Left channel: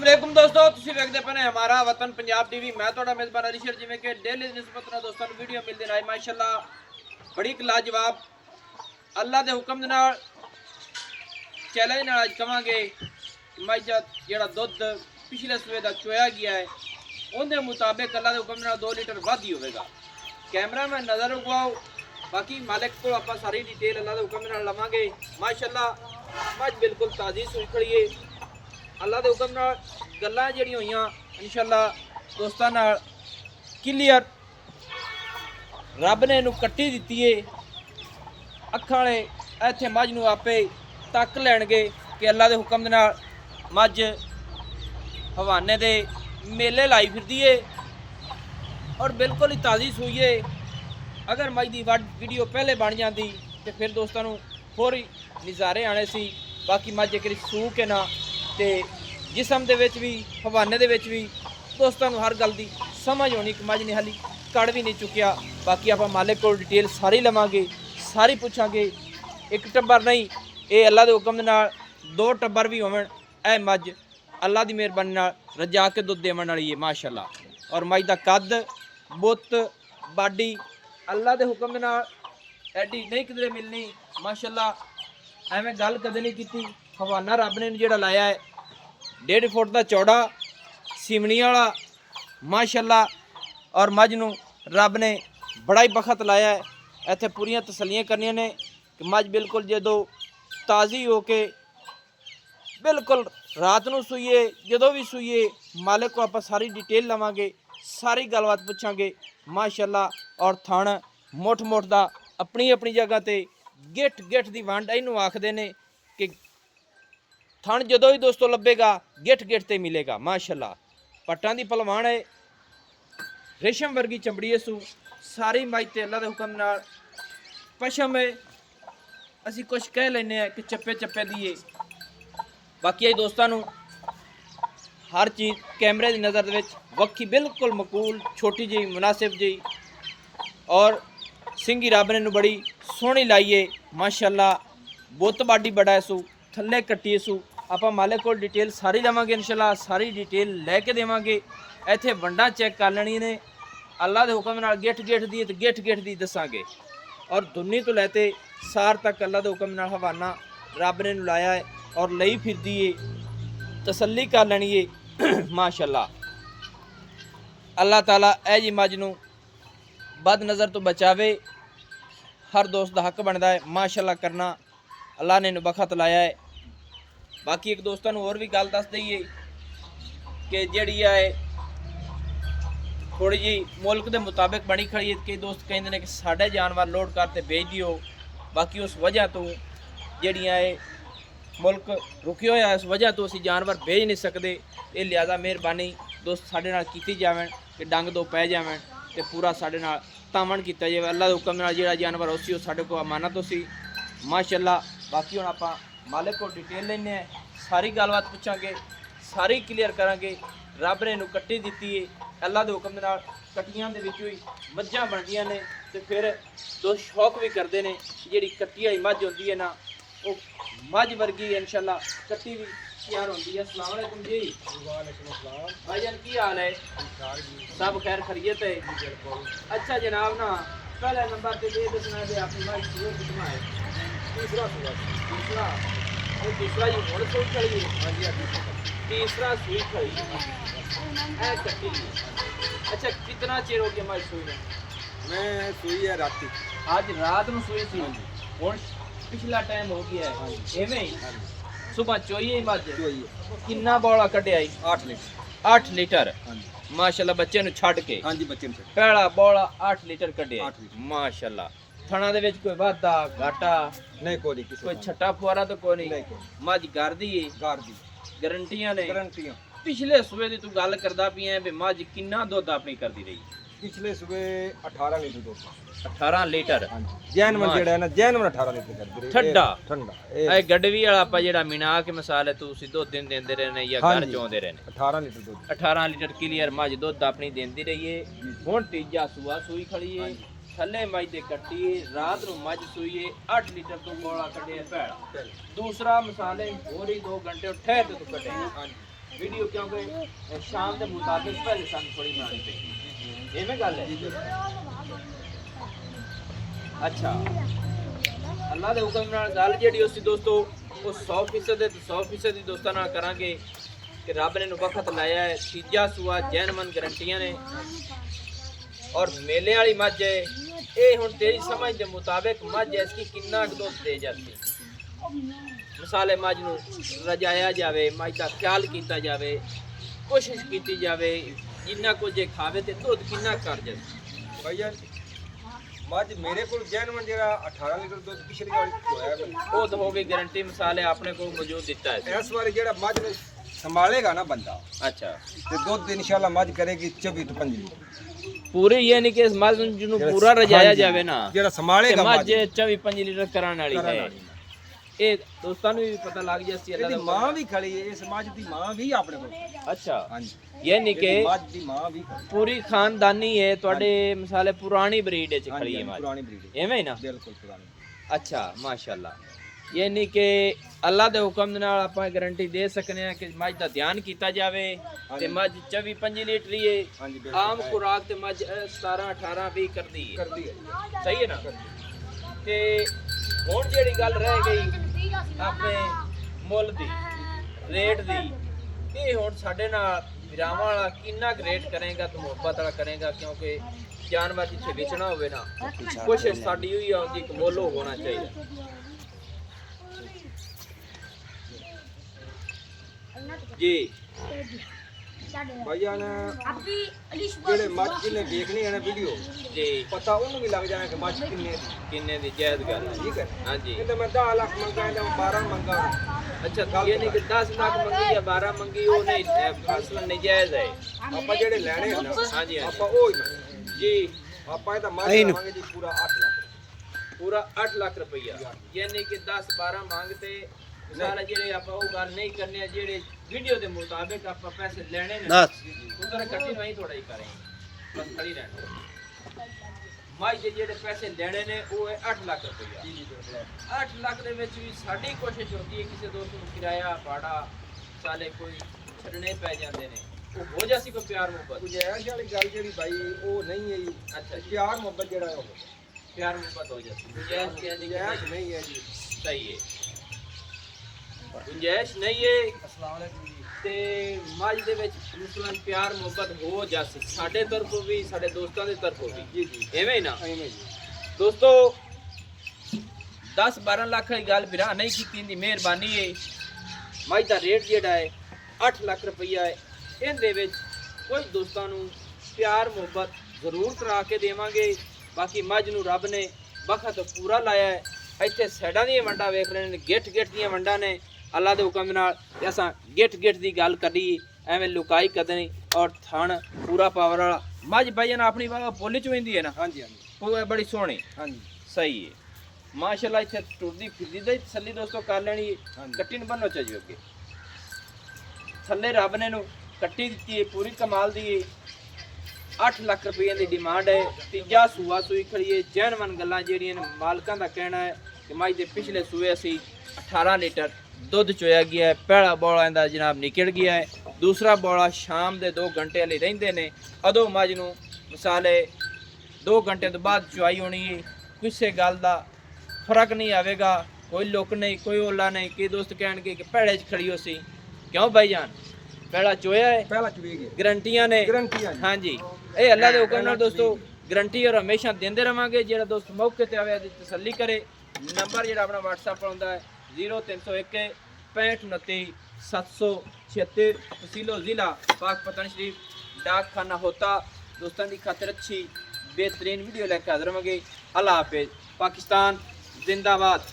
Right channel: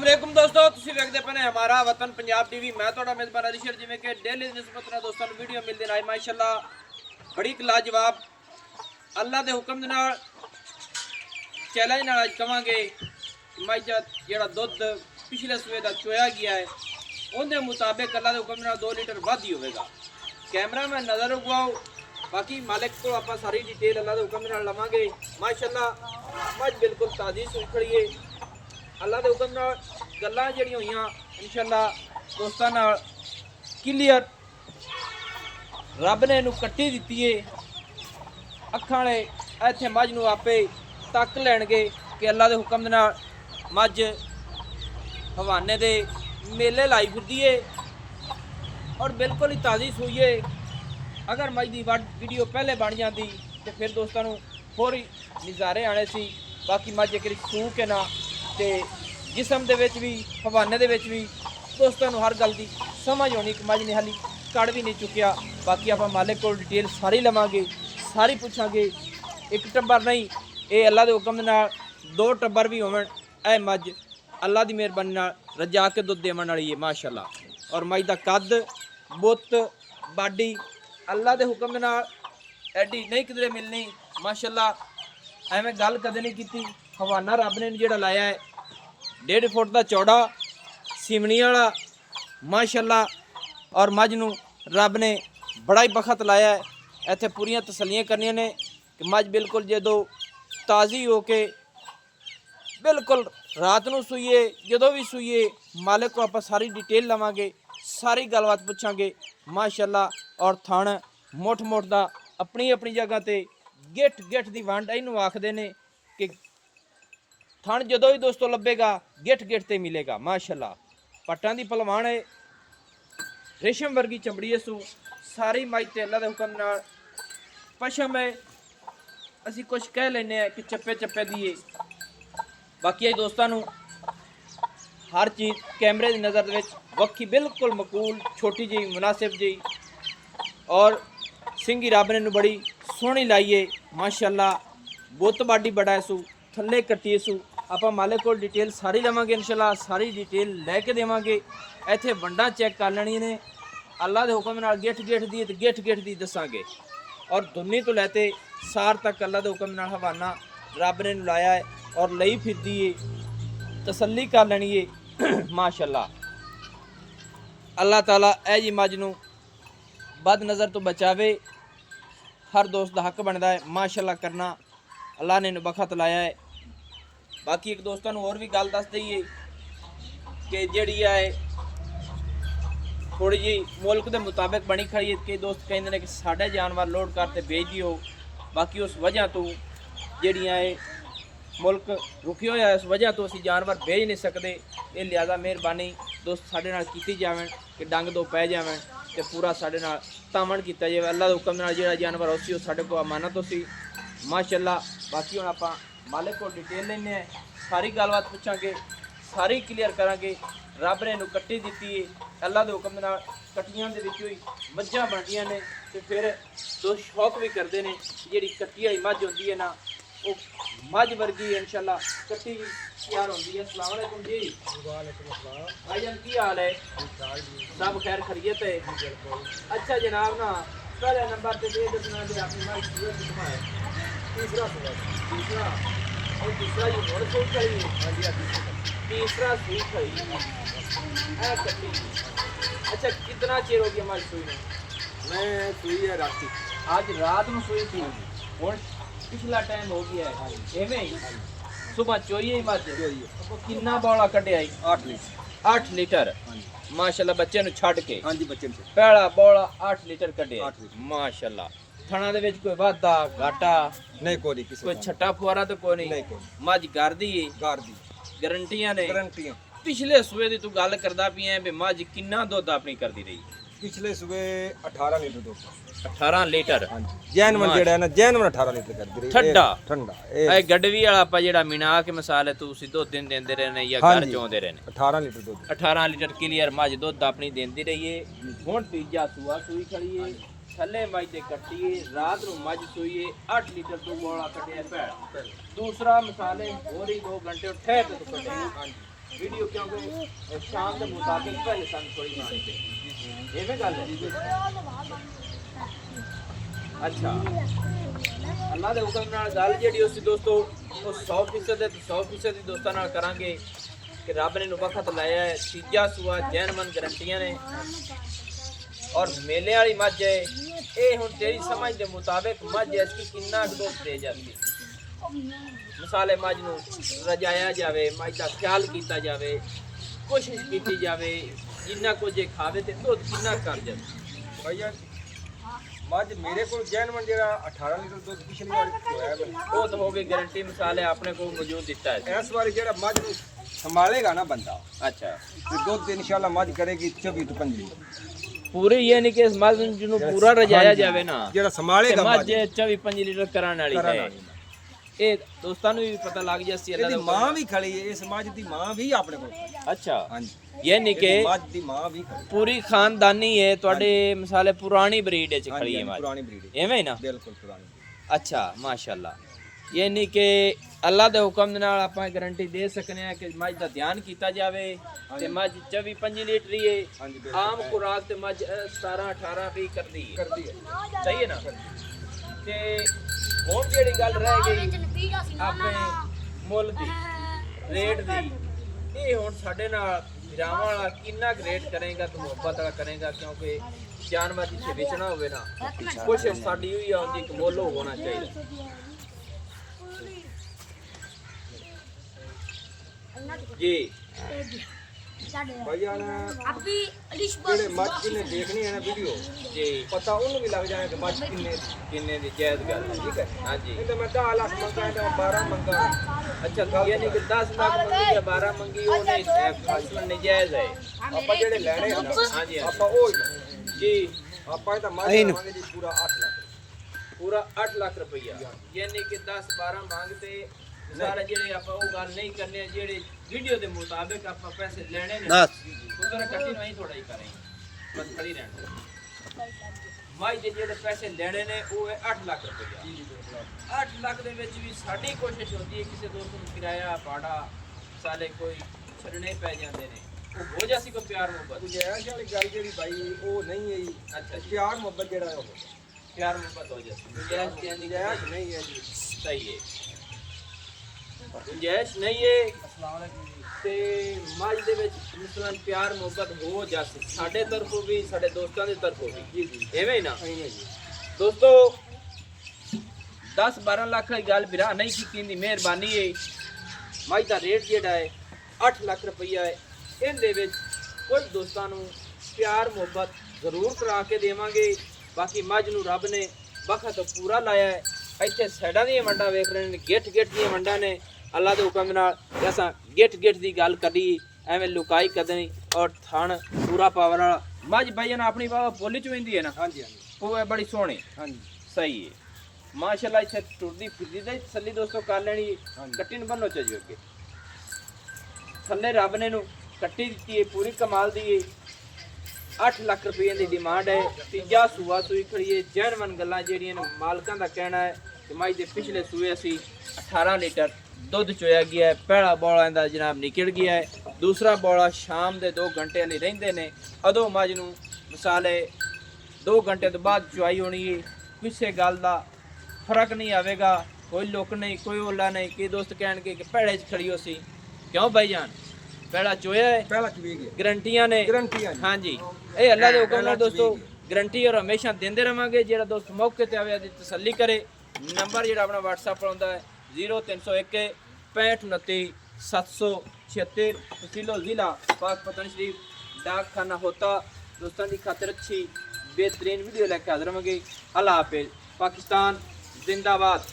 वालेकुम दोस्तों, ਤੁਸੀਂ ਵੇਖਦੇ ਪਏ ਹਮਾਰਾ ਵਤਨ ਪੰਜਾਬ ਟੀਵੀ। ਮੈਂ ਤੁਹਾਡਾ ਮੇਜ਼ਬਾਨ ਅਰੀਸ਼ਰ। ਜਿਵੇਂ ਕਿ ਡੇਲੀ ਦੀ ਨਿਸਬਤ ਨਾਲ ਦੋਸਤਾਂ ਨੂੰ ਵੀਡੀਓ ਮਿਲਦੀ ਰਹੇ ਮਾਸ਼ਾਅੱਲਾ ਬੜੀ ਲਾਜਵਾਬ ਅੱਲਾ ਦੇ ਹੁਕਮ ਦੇ ਨਾਲ ਚੈਲੰਜ ਨਾਲ ਅੱਜ ਕਵਾਂਗੇ ਮੱਝ ਜਿਹੜਾ ਦੁੱਧ ਪਿਛਲੇ ਸਵੇਰ ਦਾ ਚੋਇਆ ਗਿਆ ਹੈ ਉਹਦੇ ਮੁਤਾਬਿਕ ਅੱਲਾ ਦੇ ਹੁਕਮ ਨਾਲ 2 ਲੀਟਰ ਵੱਧ ਹੀ ਹੋਵੇਗਾ। ਕੈਮਰਾ ਮੈਂ ਨਜ਼ਰ ਰਖਵਾਓ, ਬਾਕੀ ਮਾलिक को आप सारी डिटेल अल्लाह के हुक्म नाल लवांगे। माशाअल्लाह मझ बिल्कुल ताज़ी सूई खड़ी है। अल्लाह के हुक्म नाल गल्लां जिहड़ियां होईयां इंशाअल्लाह दोस्तां नाल क्लीयर रब ने इहनूं कट्टी दित्ती है। अखां वाले इत्थे मझ नूं आपे तक लैणगे कि अल्लाह के हुक्म नाल मझ हवाने दे मेले लाई फिरदी है और बिल्कुल ही ताज़ी सूई है। अगर मझ की वीडियो पहले बन जाती तो फिर दोस्तों होर ही नज़ारे आने सी। बाकी मझ एक सूह के ना तो जिसम के भी हवाने के भी दोस्तों हर गल की समझ होनी कि मझ ने हाली कड़ भी नहीं चुकिया। बाकी आप मालिक को डिटेल सारी लवांगे, सारी पूछांगे। एक टब्बर नहीं, ये अल्लाह के हुक्म नाल 2 टब्बर भी होवन। ए मझ अल्लाह की मेहरबानी नाल रजा के दुध देवन वाली है माशाअल्लाह। और मझ का कद बुत बाडी अल्लाह के हुक्म नाल एडी नहीं किधरे मिलनी माशाअल्लाह। एवें गल कदे नहीं की। हवाना रब ने जिहड़ा लाया है 1.5 फुट का चौड़ा सिमनी वाला माशाअल्लाह। और मझ नूं रब ने बड़ा ही बखत लाया है। इत्थे पूरियां तसलियां करनियां ने कि मझ बिल्कुल जदों ताज़ी हो के बिल्कुल रात नूं सूईए जदों भी सूईए मालिक को आप सारी डिटेल लवांगे, सारी गलबात पूछांगे माशाअल्लाह। और थण मुठ मुठ दा अपनी अपनी जगह ते गिठ गिठ दी वंड इनू आखदे ने कि थण जदों ही दोस्तों लभेगा गिठ गिठ ते मिलेगा माशाअल्लाह। पट्टां दी पहलवान है, रेशम वर्गी चमड़ी है। सू सारी मझ ते अल्लाह दे हुक्म नाल पशम है। असीं कुछ कह लैने कि चप्पे चप्पे दी है। बाकी दोस्तों हर चीज़ कैमरे की नज़र में वक्खी बिल्कुल मकूल छोटी जी मुनासिब जी। और सिंगी रब ने बड़ी सोहनी लाई है माशाअल्लाह। बुत बाडी बड़ा है। सू थले कट्टी सू आप मालिक को डिटेल सारी लवांगे इंशाअल्लाह, सारी डिटेल लैके देवांगे। इत्थे वंडा चेक कर लेनी ने अल्लाह के हुक्म नाल गिठ गिठ दी ते गिठ गिठ दी दसांगे। और दुन्नी तो लैते सार तक अल्लाह के हुक्म नाल हवाना रब ने लाया है और लई फिरदी है। तसल्ली कर लेनी है माशाअल्लाह। अल्लाह ताला ऐ जी मझ नूं बद नज़र तो बचावे। हर दोस्त का हक बनता है माशाअल्लाह करना। अल्लाह ने बखत लाया है। बाकी एक दोस्तों और भी गल दस दईए कि जिहड़ी है थोड़ी जी मुल्क के मुताबिक बनी खड़ी है। कई दोस्त कहते हैं कि साढ़े जानवर लोड करते भेज दियो। बाकी उस वजह तो जिहड़ियां मुल्क रुके हुए हैं, उस वजह तो असीं जानवर भेज नहीं सकते। ये लिहाजा मेहरबानी दोस्त साढ़े नाल कीती जावे कि डंग दो पै जावे तो पूरा साढ़े नाल तामन किया जाए। अल्लाह के हुक्म नाल जिहड़ा जानवर उसी साढ़े को अमानत हो सी माशाअल्लाह। बाकी हुण आपां मालिक को डिटेल लैने सारी गलबात पूछांगे, सारी क्लीयर करांगे। रब ने कट्टी दित्ती है अल्लाह के हुक्म नाल। कट्टियां दे विचों ही मझां बनदियां ने ते फिर दोस्त शौक भी करते हैं। जिहड़ी कट्टी वाली मझ होंदी है ना वो मझ वर्गी इंशाअल्लाह कट्टी भी तैयार होती है। अस्सलाम वालेकुम जी। वालेकुम अस्सलाम भाईजान, की हाल है? सब खैर खैरियत है? अच्छा जनाब, ना पहले नंबर पे दे दसना दे अपनी मझ सूई कितना है? तीसरा और दूसरा ये और सूई खड़ी है। तीसरा सूई खड़ी है कट्टी। अच्छा कितना चिर हो गया मझ सूई में? मैं सूई है रात। आज रात में सूई थी और पिछला टाइम हो गया है एवें ही सुबह चोइए ही मत कितना बौला कटिया? 8 लीटर। 8 लीटर माशाअल्लाह। बच्चे नु छड़ के? हाँ जी, बच्चे नु पहला बौला 8 लीटर कटिया माशाअल्लाह। थणा दे विच कोई वाधा घाटा नहीं? कोई छट्टा फुआरा तो कोई नहीं। मझ घर दी है? घर दी गारंटियां ने? गारंटियां। पिछले सूबे दी तू गल करदा पिया है मझ कितना दुध अपनी करदी रही? पिछले सुबह 18 लीटर दूध। 18 लीटर जैनवन जेड़ा है ना, जैनवन 18 लीटर कर दी। ठंडा ठंडा ए गडवी वाला आपा जेड़ा मिना के मसाले तू सीधो दिन देंदे रहने या घर चोंदे रहने? 18 लीटर दूध। 18 लीटर क्लियर मझ दुध अपनी देंदी रही है। हुण तीजा सूआ सूई खड़ी है। थले मझ ते कट्टी है। रात नूं मझ सूई है 8 लीटर तो बोला कटिया पैड़ा। दूसरा मसाले होर ही 2 घंटे ठहर के तू कटे ਵੀਡੀਓ ਕਿਉਂਕਿ ਸ਼ਾਮ ਦੇ ਮੁਤਾਬਿਕ ਪਹਿਲੇ ਸਾਨੂੰ ਥੋੜੀ ਬਣਾਉਣੀ ਪਈ ਐਵੇਂ ਗੱਲ ਹੈ ਅੱਛਾ ਅੱਲਾ ਦੇ ਹੁਕਮ ਨਾਲ ਗੱਲ ਜਿਹੜੀ ਉਸ ਦੋਸਤੋ ਉਹ 100% ਤੇ 100% ਦੀ ਦੋਸਤਾਂ ਨਾਲ ਕਰਾਂਗੇ ਕਿ ਰੱਬ ਨੇ ਨੂੰ ਵਕਤ ਲਾਇਆ ਹੈ ਤੀਜਾ ਸੂਆ ਜੈਨਮਨ ਗਰੰਟੀਆਂ ਨੇ ਔਰ ਮੇਲੇ ਵਾਲੀ ਮੱਝ ਹੈ ਇਹ ਹੁਣ ਤੇਰੀ ਸਮਝ ਦੇ ਮੁਤਾਬਿਕ ਮੱਝ ਐਸੀ ਕਿੰਨਾ ਦੁੱਧ ਦੇ ਜਾਂਦੀ ਮਸਾਲੇ ਮੱਝ ਨੂੰ ਰਜਾਇਆ ਜਾਵੇ ਮੱਝ ਦਾ ਖਿਆਲ ਕੀਤਾ ਜਾਵੇ ਕੋਸ਼ਿਸ਼ ਕੀਤੀ ਜਾਵੇ ਜਿੰਨਾ ਕੁਝ ਇਹ ਖਾਵੇ ਤੇ ਦੁੱਧ ਕਿੰਨਾ ਕਰ ਜਾਂਦਾ ਭਾਈ ਜਾਨ ਮੱਝ ਮੇਰੇ ਕੋਲ ਜੈਨਵਨ ਜਿਹੜਾ 18 ਲੀਟਰ ਦੁੱਧ ਪਿਛਲੀ ਵਾਰ ਹੋਇਆ ਉਹ ਤਾਂ ਹੋ ਗਈ ਗਾਰੰਟੀ ਮਸਾਲੇ ਆਪਣੇ ਕੋਲ ਮੌਜੂਦ ਦਿੱਤਾ ਹੈ ਇਸ ਵਾਰੀ ਜਿਹੜਾ ਮੱਝ ਨੂੰ ਸੰਭਾਲੇਗਾ ਨਾ ਬੰਦਾ ਅੱਛਾ ਤੇ ਦੁੱਧ ਇਨਸ਼ਾਅੱਲਾ ਮੱਝ ਕਰੇਗੀ 24 ਤੋਂ 25 ਪੂਰੇ ਇਹ ਨਹੀਂ ਕਿ ਇਸ ਮੱਝ ਨੂੰ ਪੂਰਾ ਰਜਾਇਆ ਜਾਵੇ ਨਾ ਜਿਹੜਾ ਸੰਭਾਲੇਗਾ ਮੱਝ 24-25 ਲੀਟਰ ਕਰਾਉਣ ਵਾਲੀ ਹੈ ਇਹ ਦੋਸਤਾਂ ਨੂੰ ਵੀ ਪਤਾ ਲੱਗ ਜਾਸੀ ਅੱਲਾ ਇਹਦੀ ਦਾ ਮਾਂ ਵੀ ਖੜੀ ਹੈ ਇਸ ਮੱਝ ਦੀ ਮਾਂ ਵੀ ਆਪਣੇ ਕੋਲ ਅੱਛਾ ਹਾਂਜੀ ਇਹ ਨਹੀਂ ਕਿ ਮੱਝ ਦੀ ਮਾਂ ਵੀ ਖੜੀ ਪੂਰੀ ਖਾਨਦਾਨੀ ਹੈ ਤੁਹਾਡੇ ਮਸਾਲੇ ਪੁਰਾਣੀ ਬਰੀਡ ਵਿੱਚ ਖੜੀ ਹੈ ਮੱਝ ਪੁਰਾਣੀ ਬਰੀਡ ਐਵੇਂ ਹੀ ਨਾ ਬਿਲਕੁਲ ਪੁਰਾਣੀ ਅੱਛਾ ਮਾਸ਼ਾਅੱਲਾ ਇਹ ਨਹੀਂ ਕਿ ਅੱਲਾ ਦੇ ਹੁਕਮ ਦੇ ਨਾਲ ਆਪਾਂ ਗਾਰੰਟੀ ਦੇ ਸਕਨੇ ਆ ਕਿ ਮੱਝ ਦਾ ਧਿਆਨ ਕੀਤਾ ਜਾਵੇ ਤੇ ਮੱਝ 24-25 ਲੀਟਰ ਹੀ ਹੈ ਹਾਂਜੀ ਬਿਲਕੁਲ ਆਮ ਖੁਰਾਕ ਤੇ ਮੱਝ 17-18-20 ਕਰਦੀ ਹੈ ਕਰਦੀ ਹੈ ਸਹੀ ਹੈ ਨਾ ਤੇ ਹੁਣ ਜਿਹੜੀ ਗੱਲ ਰਹਿ ਗਈ ਆਪਣੇ ਮੁੱਲ ਦੀ ਰੇਟ ਦੀ ਇਹ ਹੁਣ ਸਾਡੇ ਨਾਲ ਵਿਰਾਵਾਂ ਵਾਲਾ ਕਿੰਨਾ ਰੇਟ ਕਰੇਗਾ ਤੂੰ ਮੁਹੱਬਤ ਵਾਲਾ ਕਰੇਗਾ ਕਿਉਂਕਿ ਜਾਨਵਰ ਜਿੱਥੇ ਵੇਚਣਾ ਹੋਵੇ ਨਾ ਕੋਸ਼ਿਸ਼ ਸਾਡੀ ਹੋਈ ਆਉਂਦੀ ਕਿ ਮੁੱਲ ਹੋਣਾ ਚਾਹੀਦਾ ਜੀ ਭਾਈ ਜਾਨ ਜਿਹੜੇ ਮੱਝ ਜਿਹਨੇ ਦੇਖਣੀ ਹੈ ਨਾ ਵੀਡੀਓ ਜੀ ਪਤਾ ਉਹਨੂੰ ਵੀ ਲੱਗ ਜਾਣਾ ਕਿ ਮੱਝ ਕਿੰਨੇ ਦੀ ਜਾਇਜ਼ ਗੱਲ ਹੈ ਠੀਕ ਹੈ ਹਾਂਜੀ ਕਹਿੰਦੇ ਮੈਂ 10 ਲੱਖ ਮੰਗਿਆ ਜਾਂ 12 ਮੰਗਾ ਅੱਛਾ ਇਹ ਨਹੀਂ ਕਿ 10 ਲੱਖ ਮੰਗੀ ਜਾਂ 12 ਮੰਗੀ ਉਹ ਨਹੀਂ ਅਸਲ ਨਜਾਇਜ਼ ਹੈ ਆਪਾਂ ਜਿਹੜੇ ਲੈਣੇ ਹਨ ਹਾਂਜੀ ਆਪਾਂ ਉਹ ਹੀ ਲੈਣੇ। ਜੀ ਆਪਾਂ ਇਹ ਤਾਂ ਮੱਝ ਲਵਾਂਗੇ ਜੀ ਪੂਰਾ 8 ਲੱਖ ਪੂਰਾ 8 ਲੱਖ ਰੁਪਈਆ ਯਾਨੀ ਕਿ 10 12 ਮੰਗਤੇ ਸਾਰੇ ਜਿਹੜੇ ਆਪਾਂ ਉਹ ਗੱਲ ਨਹੀਂ ਕਰਨੇ ਜਿਹੜੇ ਵੀਡੀਓ ਦੇ ਮੁਤਾਬਿਕ ਆਪਾਂ ਪੈਸੇ ਲੈਣੇ ਨੇ ਉਧਰ ਕੱਟੀ ਨਹੀਂ ਥੋੜਾ ਹੀ ਕਰੇ ਬਸ ਖੜੀ ਰਹਿਣ ਮਾਈ ਦੇ ਜਿਹੜੇ ਪੈਸੇ ਲੈਣੇ ਨੇ ਉਹ ਹੈ 8 ਲੱਖ ਰੁਪਈਆ 8 ਲੱਖ ਦੇ ਵਿੱਚ ਵੀ ਸਾਡੀ ਕੋਸ਼ਿਸ਼ ਹੁੰਦੀ ਹੈ ਕਿਸੇ ਦੋਸਤ ਨੂੰ ਕਿਰਾਇਆ ਭਾੜਾ ਸਾਲੇ ਕੋਈ ਛੱਡਣੇ ਪੈ ਜਾਂਦੇ ਨੇ ਉਹ ਹੋ ਜਾਸੀ ਕੋਈ ਪਿਆਰ ਮੁਹੱਬਤ ਗੁਜਾਇਸ਼ ਵਾਲੀ ਗੱਲ ਜਿਹੜੀ ਭਾਈ ਉਹ ਨਹੀਂ ਹੈ ਜੀ ਅੱਛਾ ਜੀ ਪਿਆਰ ਮੁਹੱਬਤ ਜਿਹੜਾ ਉਹ ਪਿਆਰ ਮੁਹੱਬਤ ਹੋ ਜਾਸੀ ਗੁਜਾਇਸ਼ ਨਹੀਂ ਹੈ ਜੀ ਸਹੀ ਹੈ ਗੁੰਜਾਇਸ਼ ਨਹੀਂ ਹੈ ਤੇ ਮੱਝ ਦੇ ਵਿੱਚ ਮੁਸਲਮਾਨ ਪਿਆਰ ਮੁਹੱਬਤ ਹੋ ਜਾਸੀ ਸਾਡੇ ਤਰਫੋਂ ਵੀ ਸਾਡੇ ਦੋਸਤਾਂ ਦੇ ਤਰਫੋਂ ਵੀ ਜੀ ਜੀ ਐਵੇਂ ਹੀ ਨਾ ਜੀ ਦੋਸਤੋ 10-12 ਲੱਖ ਦੀ ਗੱਲ ਵੀਰਾ ਨਹੀਂ ਕੀਤੀ ਦੀ ਮਿਹਰਬਾਨੀ ਹੈ ਮੱਝ ਦਾ ਰੇਟ ਜਿਹੜਾ ਹੈ 8 ਲੱਖ ਰੁਪਈਆ ਹੈ ਇਹਦੇ ਵਿੱਚ ਕੁਝ ਦੋਸਤਾਂ ਨੂੰ ਪਿਆਰ ਮੁਹੱਬਤ ਜ਼ਰੂਰ ਕਰਾ ਕੇ ਦੇਵਾਂਗੇ ਬਾਕੀ ਮੱਝ ਨੂੰ ਰੱਬ ਨੇ ਵਕਤ ਪੂਰਾ ਲਾਇਆ ਹੈ ਇੱਥੇ ਸਾਈਡਾਂ ਦੀਆਂ ਵੰਡਾਂ ਵੇਖ ਰਹੇ ਨੇ ਗਿੱਠ ਦੀਆਂ ਵੰਡਾਂ ਨੇ ਅੱਲਾ ਦੇ ਹੁਕਮ ਨਾਲ ਜੈਸਾ ਗਿੱਠ ਦੀ ਗੱਲ ਕਰੀ ਐਵੇਂ ਲੁਕਾਈ ਕਦੇ ਔਰ ਥਣ ਪੂਰਾ ਪਾਵਰ ਵਾਲਾ ਮੱਝ ਭਾਈ ਨਾ ਆਪਣੀ ਵਾਹ ਬੋਲੀ ਚ ਹੁੰਦੀ ਹੈ ਨਾ ਹਾਂਜੀ ਹਾਂਜੀ ਉਹ ਹੈ ਬੜੀ ਸੋਹਣੀ ਹਾਂਜੀ ਸਹੀ ਹੈ ਮਾਸ਼ਾਅੱਲਾ ਇੱਥੇ ਟੁਰਦੀ ਫਿਰਦੀ ਤੇ ਤਸੱਲੀ ਦੋਸਤੋ ਕਰ ਲੈਣੀ ਕੱਟੀ ਨੂੰ ਬੰਨੋ ਚਾਹੀਏ ਅੱਗੇ ਥੱਲੇ ਰੱਬ ਨੇ ਨੂੰ ਕੱਟੀ ਦਿੱਤੀ ਹੈ ਪੂਰੀ ਕਮਾਲ ਦੀ ਹੈ 8 ਲੱਖ ਰੁਪਏ ਦੀ ਡਿਮਾਂਡ ਹੈ ਤੀਜਾ ਸੂਆ ਸੂਈ ਖੜੀ ਹੈ ਜੈਨਵਨ ਗੱਲਾਂ ਜਿਹੜੀਆਂ ਨੇ ਮਾਲਕਾਂ ਦਾ ਕਹਿਣਾ ਹੈ ਕਿ ਮੱਝ ਦੇ ਪਿਛਲੇ ਸੂਏ ਅਸੀਂ 18 ਲੀਟਰ ਦੁੱਧ ਚੋਇਆ ਗਿਆ ਹੈ ਪਹਿਲਾ ਬੋਲਾ ਇਹਦਾ ਜਨਾਬ ਨਿਕਲ ਗਿਆ ਹੈ ਦੂਸਰਾ ਬੋਲਾ ਸ਼ਾਮ ਦੇ 2 ਘੰਟੇ ਲਈ ਰਹਿੰਦੇ ਨੇ ਉਦੋਂ ਮੱਝ ਨੂੰ ਮਸਾਲੇ 2 ਘੰਟੇ ਤੋਂ ਬਾਅਦ ਚੁਆਈ ਹੋਣੀ ਹੈ ਕਿਸੇ ਗੱਲ ਦਾ ਫਰਕ ਨਹੀਂ ਆਵੇਗਾ ਕੋਈ ਲੁੱਕ ਨਹੀਂ ਕੋਈ ਓਲਾ ਨਹੀਂ ਕਿ ਦੋਸਤ ਕਹਿਣਗੇ ਕਿ ਪਹਿਲੇ 'ਚ ਖੜੀ ਹੋ ਸੀ ਕਿਉਂ ਭਾਈ ਜਾਨ ਪਹਿਲਾ ਚੋਇਆ ਹੈ ਪਹਿਲਾ ਚੁਵੇ ਗਿਆ ਗਰੰਟੀਆਂ ਨੇ ਗਰੰਟੀ ਆ ਜੀ ਹਾਂਜੀ ਇਹ ਅੱਲਾ ਦੇ ਹੁਕਮ ਨਾਲ ਦੋਸਤੋ ਗਰੰਟੀ ਔਰ ਹਮੇਸ਼ਾ ਦਿੰਦੇ ਰਵਾਂਗੇ ਜਿਹੜਾ ਦੋਸਤ ਮੌਕੇ ਤੇ ਆਵੇ ਦੀ ਤਸੱਲੀ ਕਰੇ ਨੰਬਰ ਜਿਹੜਾ ਆਪਣਾ WhatsApp ਆਉਂਦਾ ਹੈ 0301 6529 776 तहसीलो ज़िला पाक पतन शरीफ डाक खाना होता दोस्तों की खातिर अच्छी बेहतरीन वीडियो लेकर हाजिर होंगे अल्लाह हाफिज़ पाकिस्तान जिंदाबाद।